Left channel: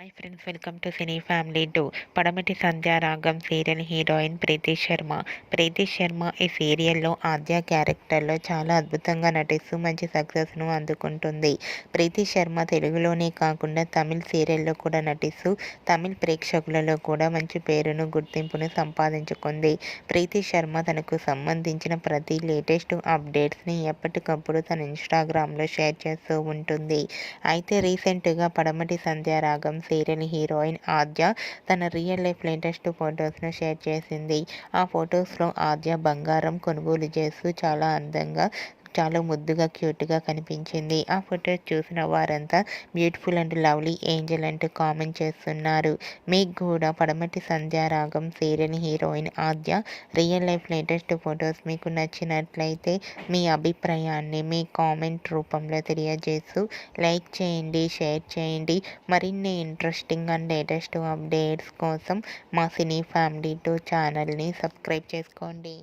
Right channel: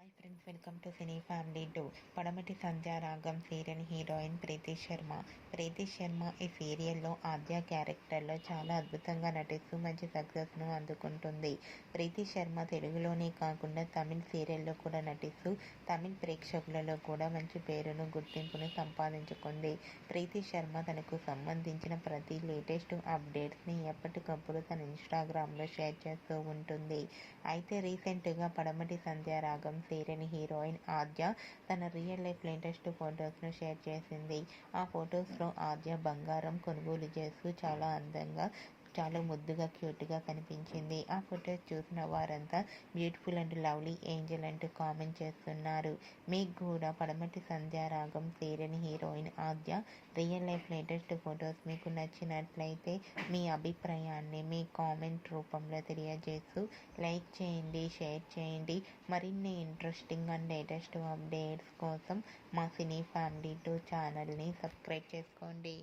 Hi friends welcome to cine family two Padamati Sandhyaragam serial heroine Preethi Sharma. Preethi Sharma ఈ సీరియల్లో ఆద్య క్యారెక్టర్లో చాలా అద్భుతంగా నటిస్తూ మంచి సక్సెస్ను అందుకుంటుంది. ప్రీతి శర్మ తెలుగులోనే కాకుండా తమిళ్ సీరియల్లో కూడా నటిస్తూ తమిళ్ ప్రేక్షకులలో కూడా మంచి పేరును గుర్తింపును సంపాదించుకుంది. ప్రీతి శర్మ తనకు సంబంధించిన ప్రతి లేటెస్ట్ అప్డేట్స్ని ఎప్పటికప్పుడు తన ఇన్స్టాగ్రామ్లో షేర్ చేస్తూ ఉంటుంది. అయితే రీసెంట్గా పడమటి సంధ్యారాగం సీరియల్ హీరోయిన్ ఆద్య తన రియల్ లైఫ్ లేటెస్ట్ ఫొటోస్ను షేర్ చేసింది. ఆ ఫొటోస్లో ఆద్య బంగారం కొనుగోలు చేస్తూ చాలా అందంగా చాలా ముద్దుగా క్యూట్గా కనిపించింది. ఆ ఫొటోస్ చూసిన వారంతా బ్యూటిఫుల్ అండ్ లవ్లీ ఏంజల్ అంటూ కామెంట్ చేస్తున్నారు. మీకు కూడా Padamati Sandhyaragam serial heroine Aadya real life latest photos మీకు నచ్చినట్లయితే మీ అభిప్రాయాన్ని మీ కామెంట్ రూపంలో తెలియజేస్తూ లైక్ చేయండి షేర్ చేయండి. మరిన్ని ఇంట్రెస్టింగ్ అండ్ లేటెస్ట్ అప్డేట్స్ కోసం మా సినీ ఫ్యామిలీ టూ ఛానల్ని సబ్స్క్రైబ్ చేసుకోండి.